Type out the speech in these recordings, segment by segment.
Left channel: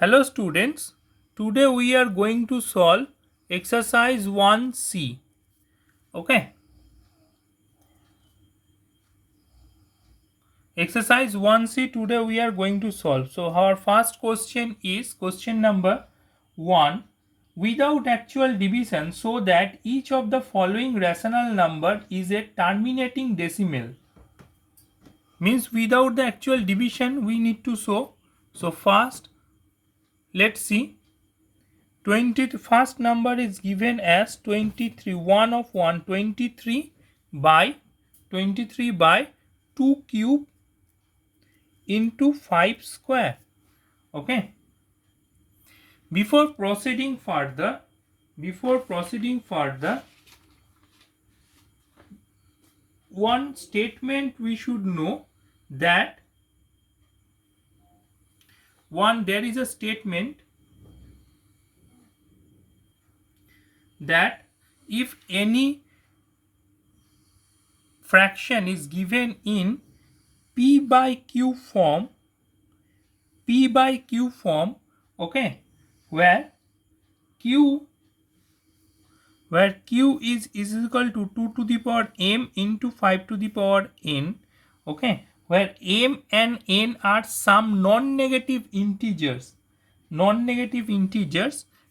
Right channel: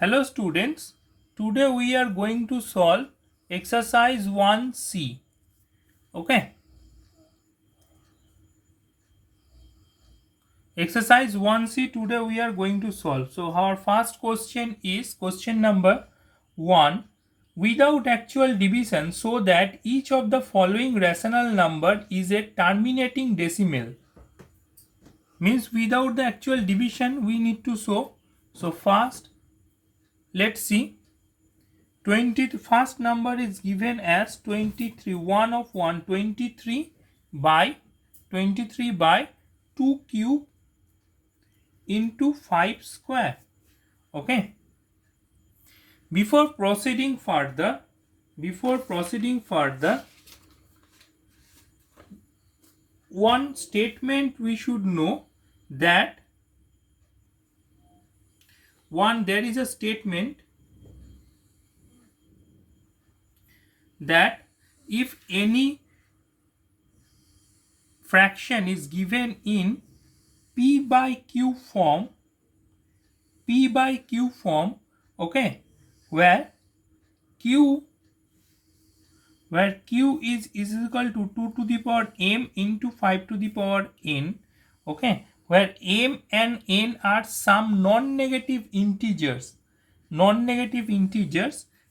Hello students, today we are going to solve exercise 1C. Okay. Exercise 1C today we are going to solve. So our first question is question number 1. Without actual division, so that each of the following rational number is a terminating decimal. Means without the actual division we need to show. So first let's see. 20 first number is given as 23, 1 of 1, 23 by 2 cube into 5 square. Okay, before proceeding further, one statement we should know, that there is a statement that if any fraction is given in p by q form, okay, where q is equal to 2 to the power m into 5 to the power n, okay, where m and n are some non-negative integers,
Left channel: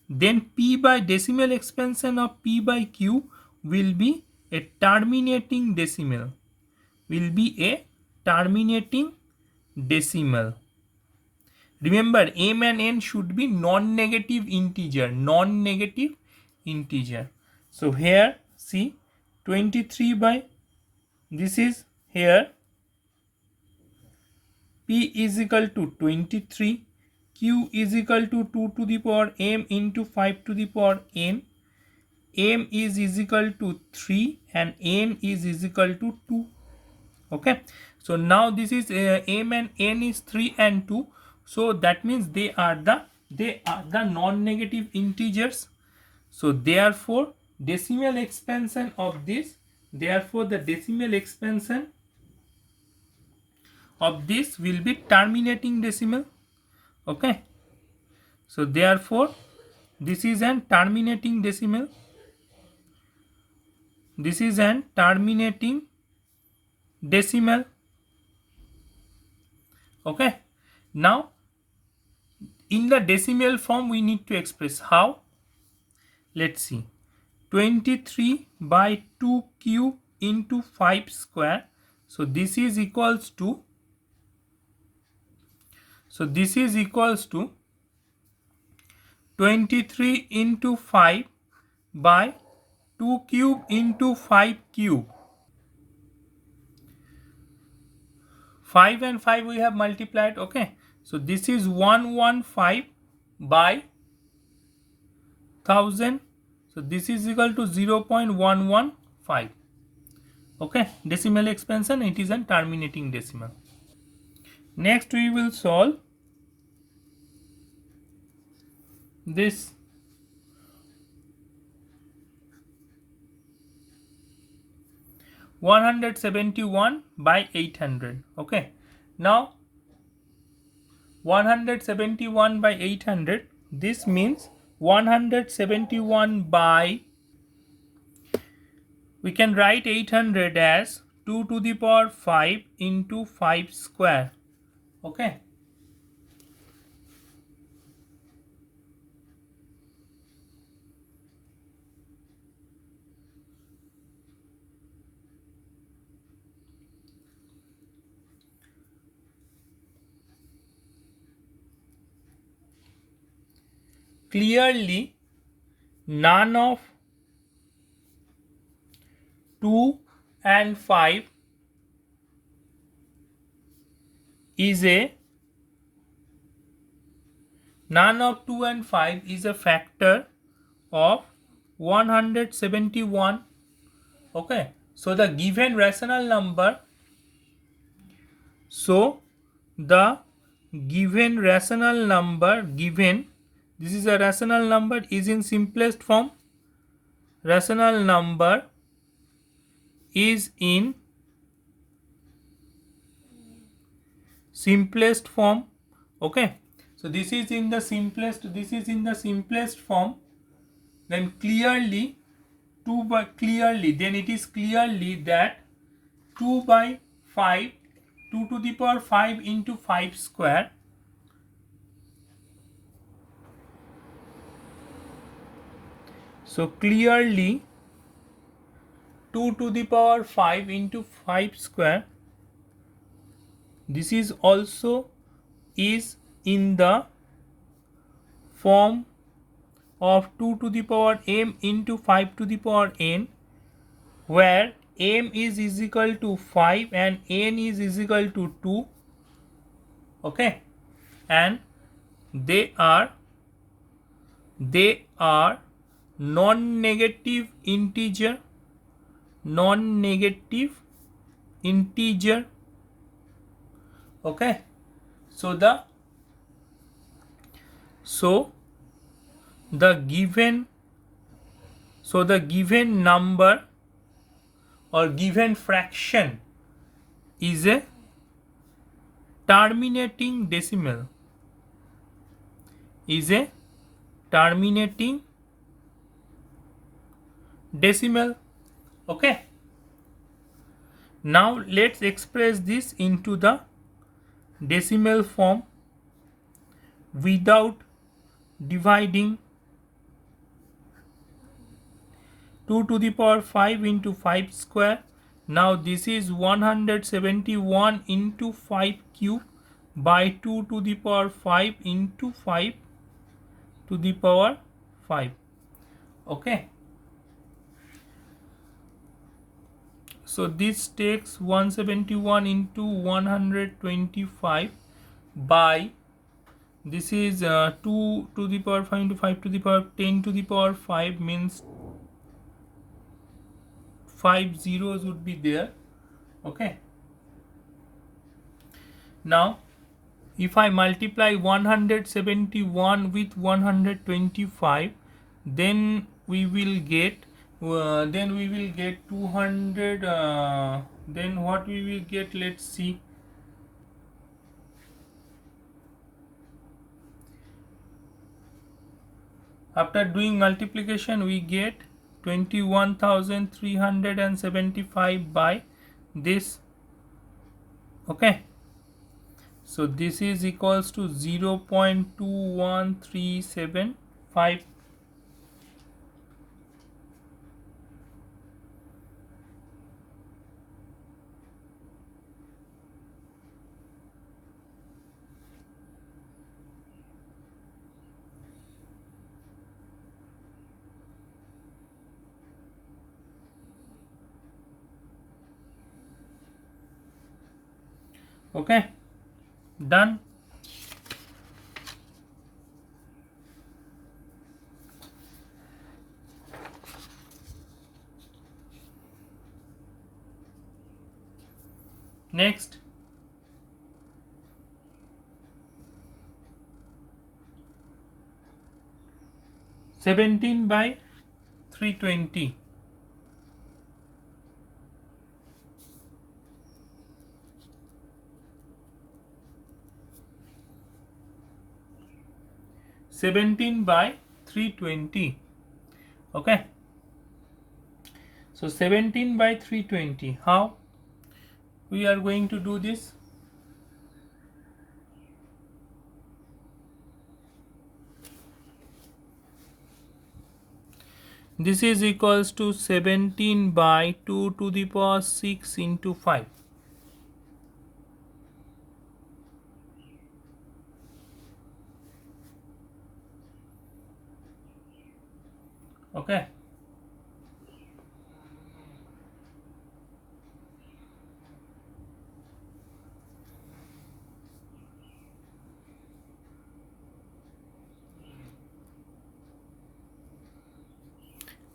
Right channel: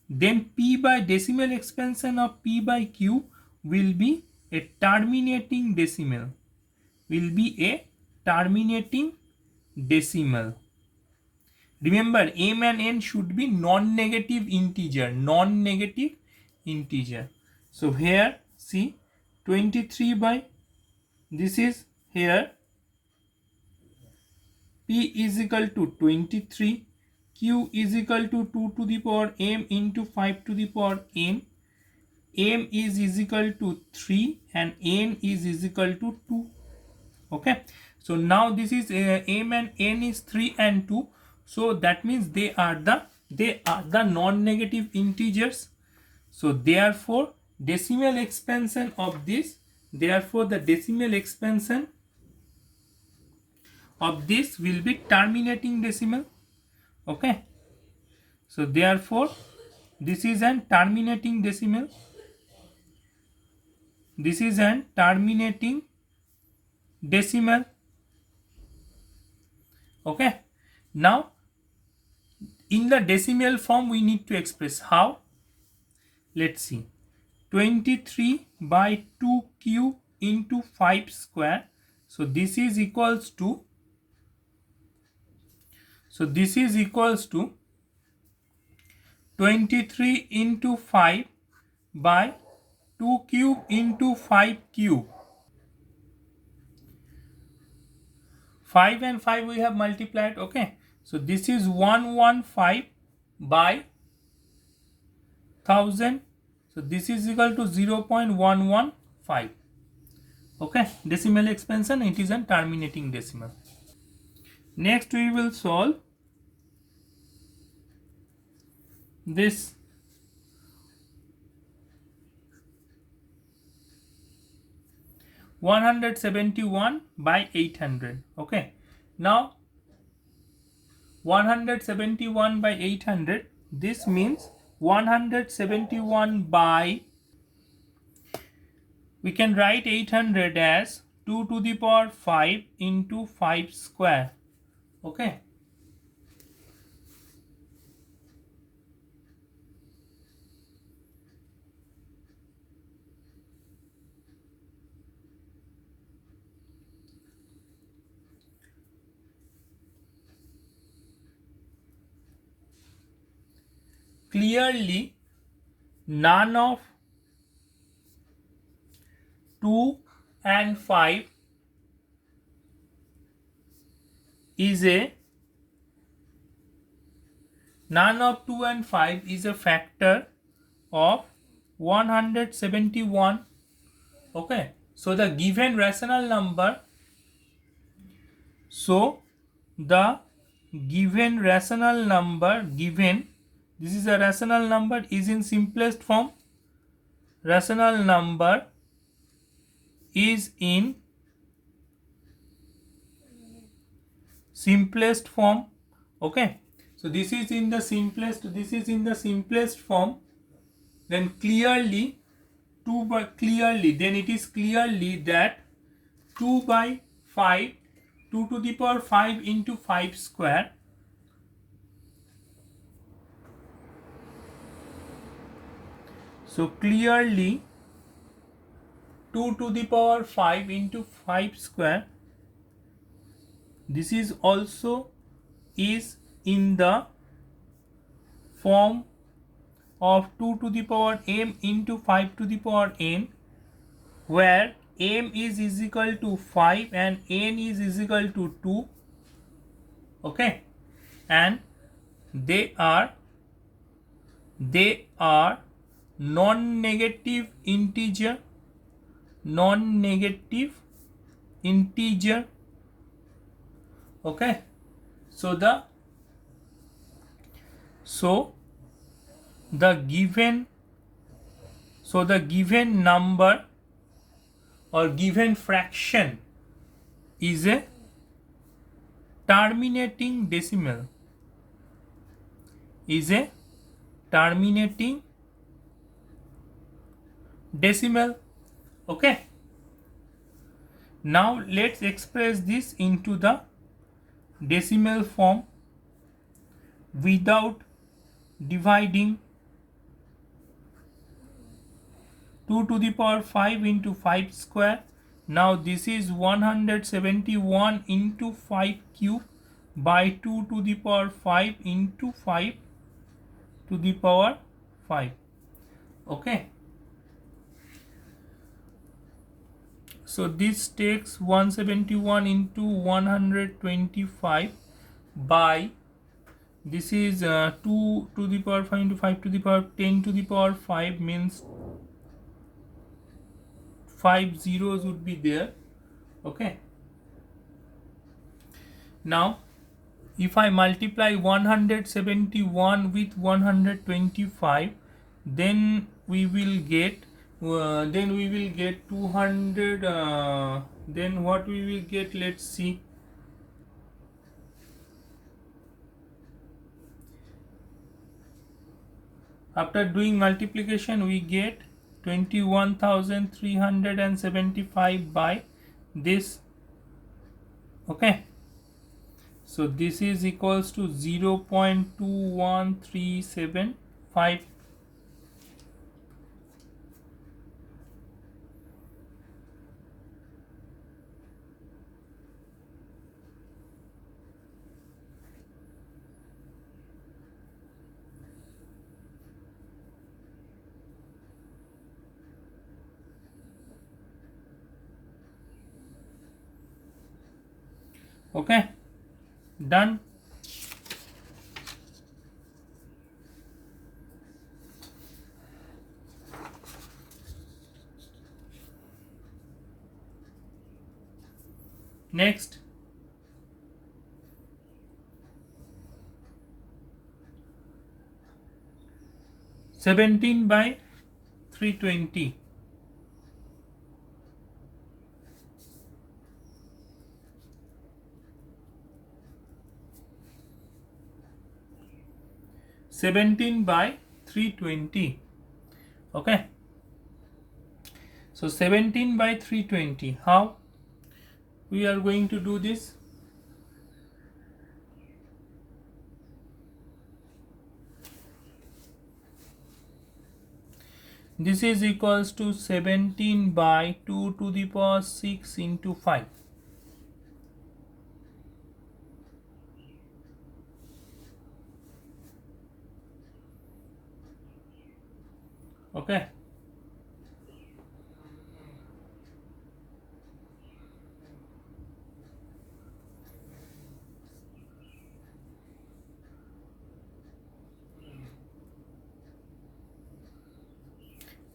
then p by decimal expansion of p by q will be a terminating decimal, Remember, m and n should be non-negative integer. So here see 23 by, this is here p is equal to 23, q is equal to 2 to the power m into 5 to the power n, m is equal to 3 and n is equal to 2. Okay, so now this is m and n is 3 and 2, so that means they are the non-negative integers. So therefore decimal expansion of this, will be terminating decimal. Okay, so therefore this is an terminating decimal, Okay, now in the decimal form we need to express how. Let's see, 23 by 2 cube into 5 square. So this is equals to 23 into 5 by 2 cube into 5 cube. 5 and 5 we have multiplied. Okay, so this is 115 by 1000. So this is equal to 0.115. Okay, decimal expansion, it is a terminating decimal. Next we will solve this (171 by 800). Okay, now 171 by 800, this means 171 by, we can write 800 as 2 to the power 5 into 5 square. Okay, clearly none of 2 and 5 is a factor of 171. Okay, so the given rational number, this is a rational number, is in simplest form. Rational number is in simplest form. Okay, So this is in the simplest form. Then clearly then it is clearly that 2 by 5, 2 to the power 5 into 5 square, so clearly 2 to the power 5 into 5 square, this is also is in the form of 2 to the power m into 5 to the power n, where m is equal to 5 and n is equal to 2. Okay, and they are non-negative integer. Okay, so the given number or given fraction is a terminating decimal. Okay, now let's express this into the decimal form without dividing. 2 to the power 5 into 5 square. Now this is 171 into 5 cube by 2 to the power 5 into 5 to the power 5. Okay, so this takes 171 into 125 by, this is 2 to the power 5 into 5 to the power 10 to the power 5, means 5 zeros would be there. Okay, now if I multiply 171 with 125, then we will get 200. Then what we will get, let's see. After doing multiplication, we get 21,375 by this. Okay, so this is equals to 0.21375. Okay, done. Next, (17 by 320). 17 by 320. Okay, so 17 by 320, how we are going to do this? This is equals to 17 by 2 to the power 6 into 5. Okay,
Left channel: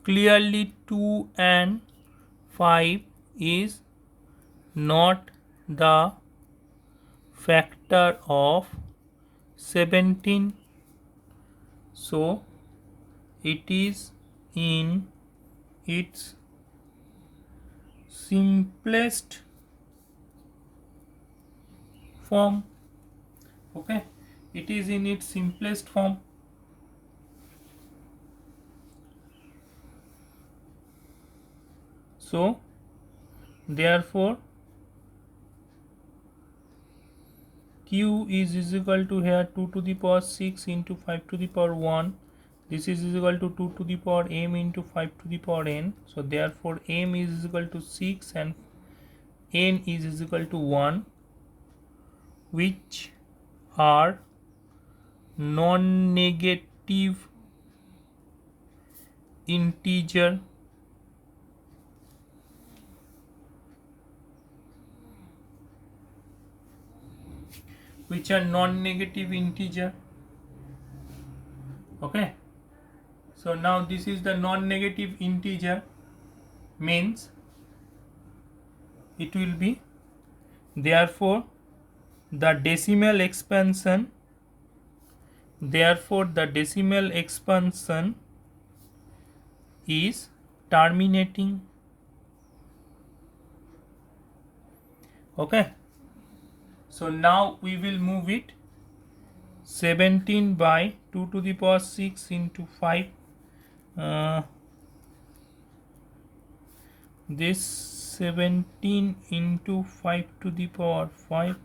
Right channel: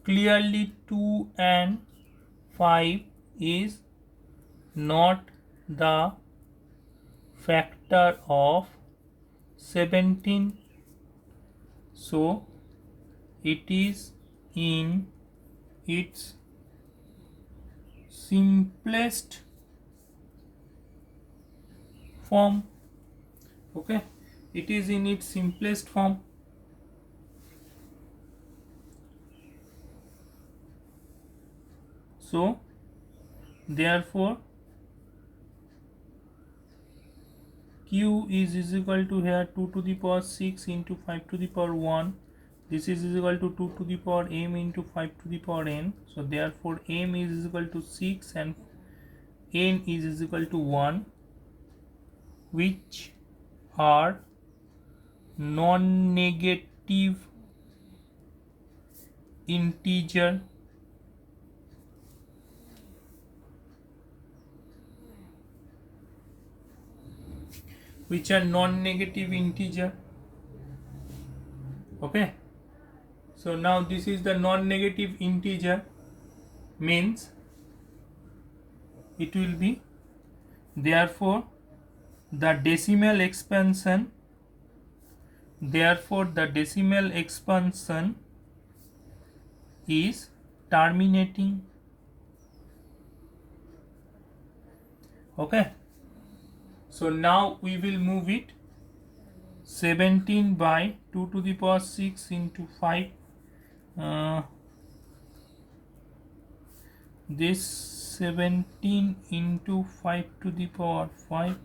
clearly 2 and 5 is not the factor of 17, so it is in its simplest form. Okay, it is in its simplest form. So therefore q is equal to here 2 to the power 6 into 5 to the power 1. This is equal to 2 to the power m into 5 to the power n. So therefore m is equal to 6 and n is equal to 1, which are non-negative integer Okay, so now this is the non-negative integer, means it will be, therefore the decimal expansion is terminating. Okay, so now we will move it. 17 by 2 to the power 6 into 5, this 17 into 5 to the power 5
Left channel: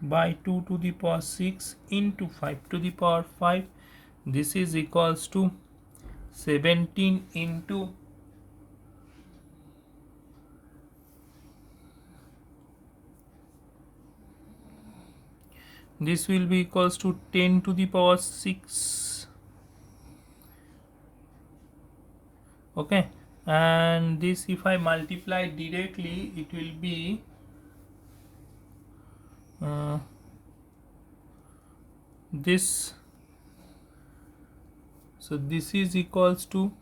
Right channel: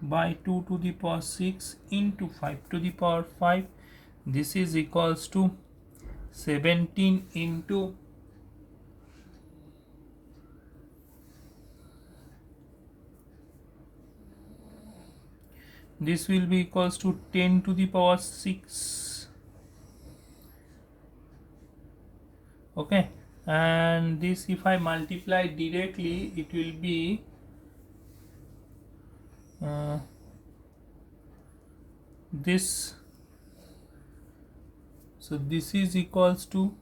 by 2 to the power 6 into 5 to the power 5, this is equals to 17 into this will be equals to 10 to the power 6. Okay, and this if I multiply directly, it will be this, so this is equals to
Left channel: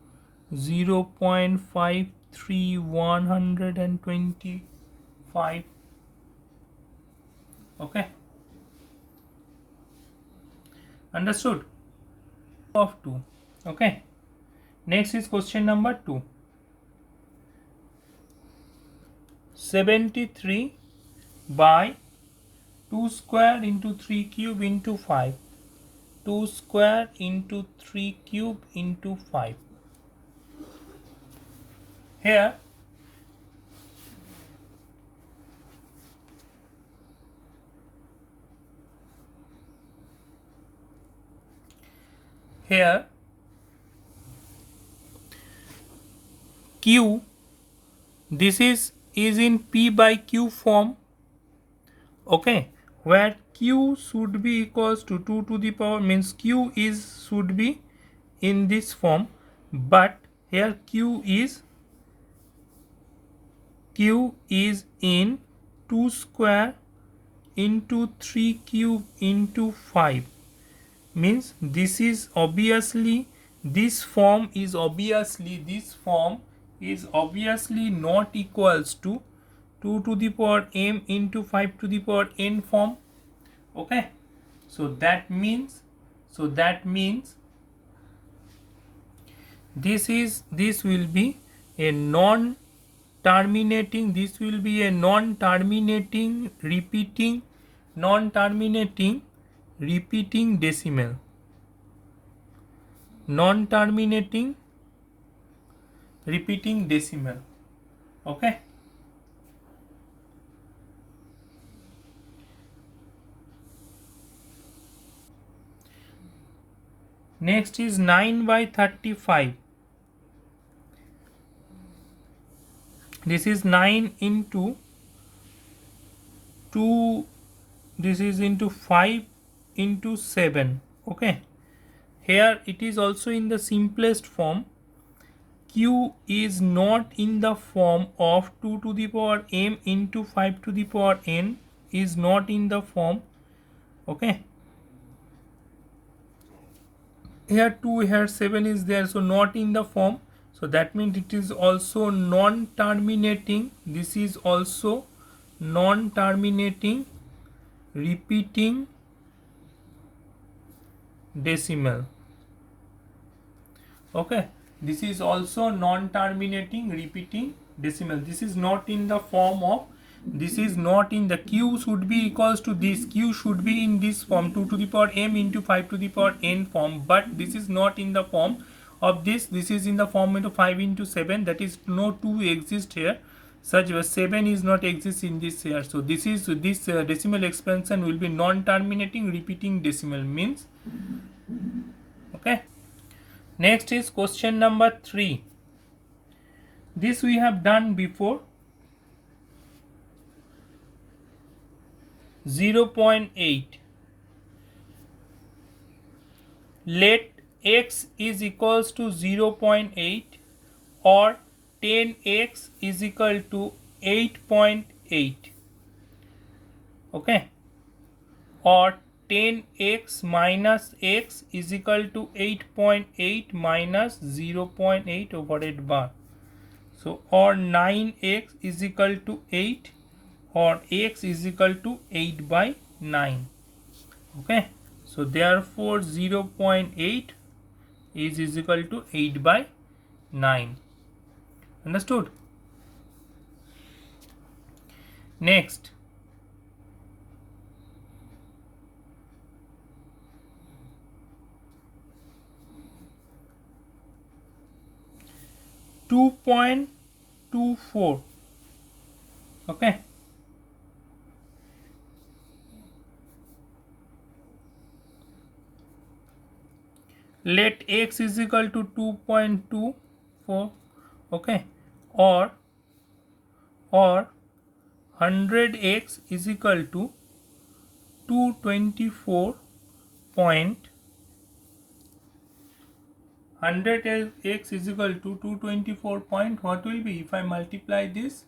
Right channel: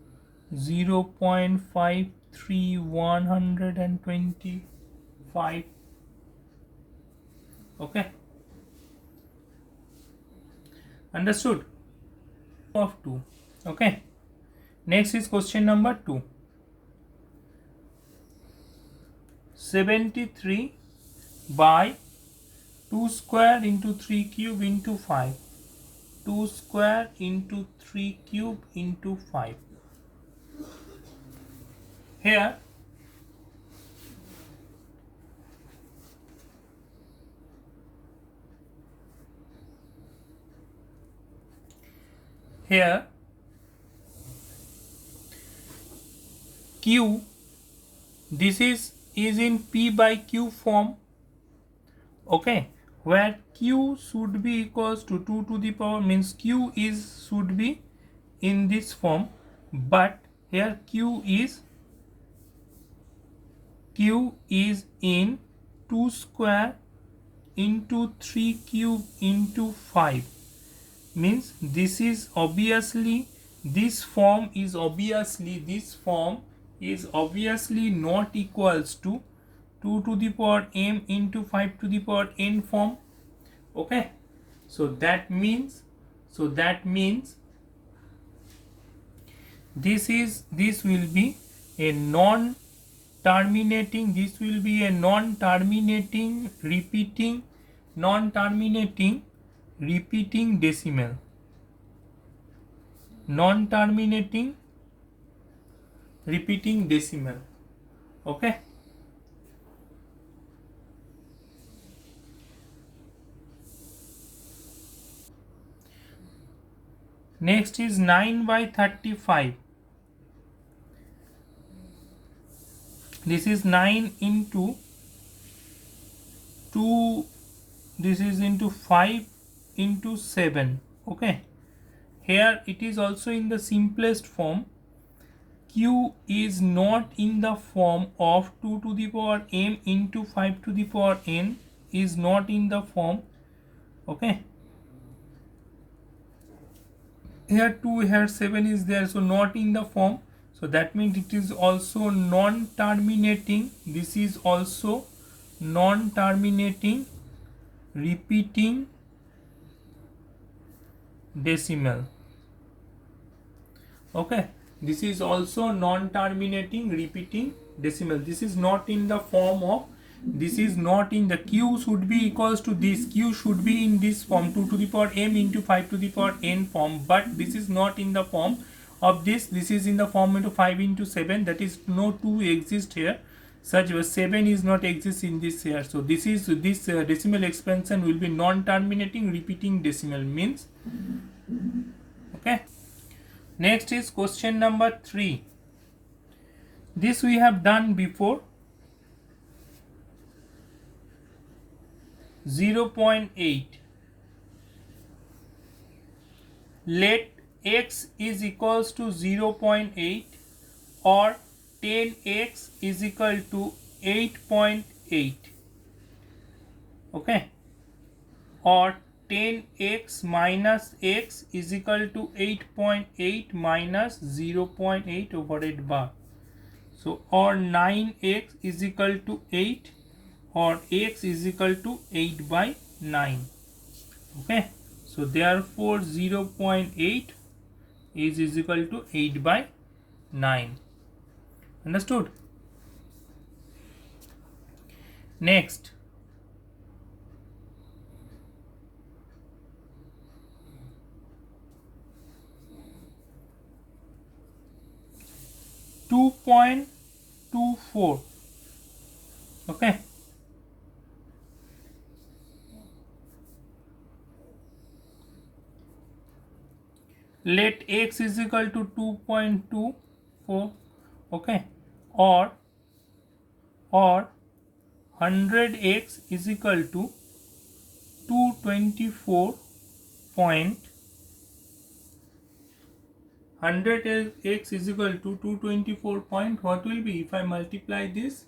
0.53125. Okay, understood? Of 2. Okay, next is question number 2. 73 by 2 square into 3 cube into 5, 2 square into 3 cube into 5. Here q, this is in p by q form. Okay, where q should be equals to 2 to the power, means q should be in this form, but here q is in 2 square into 3 cube into 5, means this is obviously, this form is obviously not equals to 2 to the power m into 5 to the power n form. Okay, so that means this will be a non-terminating repeating decimal. Okay, next is 9 by 35. This is 9 into 2, this is into 5 into 7. Okay, here it is also in the simplest form. Q is not in the form of 2 to the power m into 5 to the power n, is not in the form. Okay, here 2, here 7 is there, so not in the form. So that means it is also non-terminating. This is also non-terminating repeating decimal. Okay, this is also non-terminating repeating decimal. This is not in the form of this is not in the q should be equals to this, q should be in this form 2 to the power m into 5 to the power n form, but this is not in the form of this is in the form into 5 into 7, that is no 2 exist here, such as 7 is not exist in this here. So this is decimal expansion will be non-terminating repeating decimal means. Okay, next is question number 3. This we have done before. 0.8. Let x is equals to 0.8 or 10x is equal to 8.8. Okay, or 10x minus x is equal to 8.8 minus 0.8 over 8 bar. So or 9x is equal to 8 or x is equal to 8 by 9. Okay, so therefore 0.8 is equal to 8 by 9. Understood? Next, .24. Okay, let x is equal to 2.24. okay, or 100x is equal to 224 point 100x is equal to 224 point, what will be if I multiply this?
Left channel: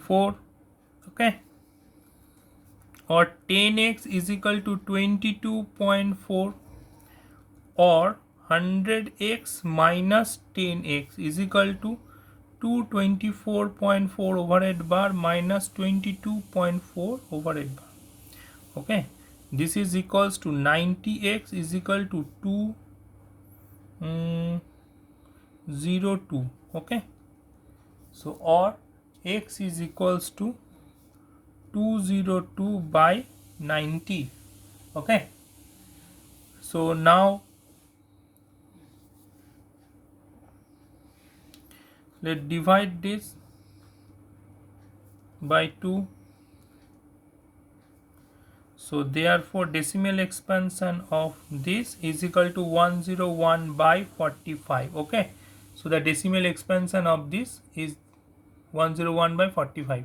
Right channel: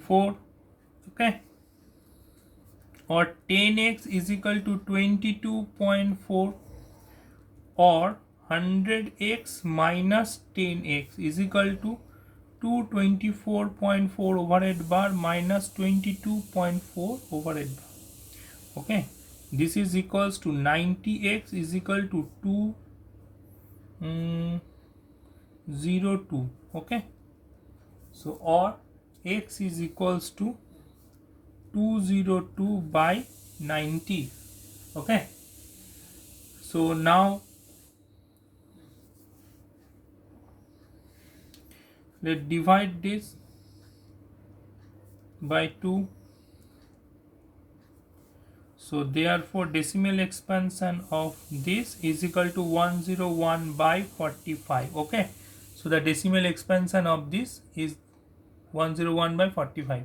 Four. Okay, or 10x is equal to 22.4 or 100x minus 10x is equal to 224.4 over 8 bar minus 22.4 over 8 bar. Okay, this is equals to 90x is equal to 202. Okay, so or x is equals to 202 by 90. Okay, so now let's divide this by 2. So therefore decimal expansion of this is equal to 101 by 45. Okay, so the decimal expansion of this is 101 by 45.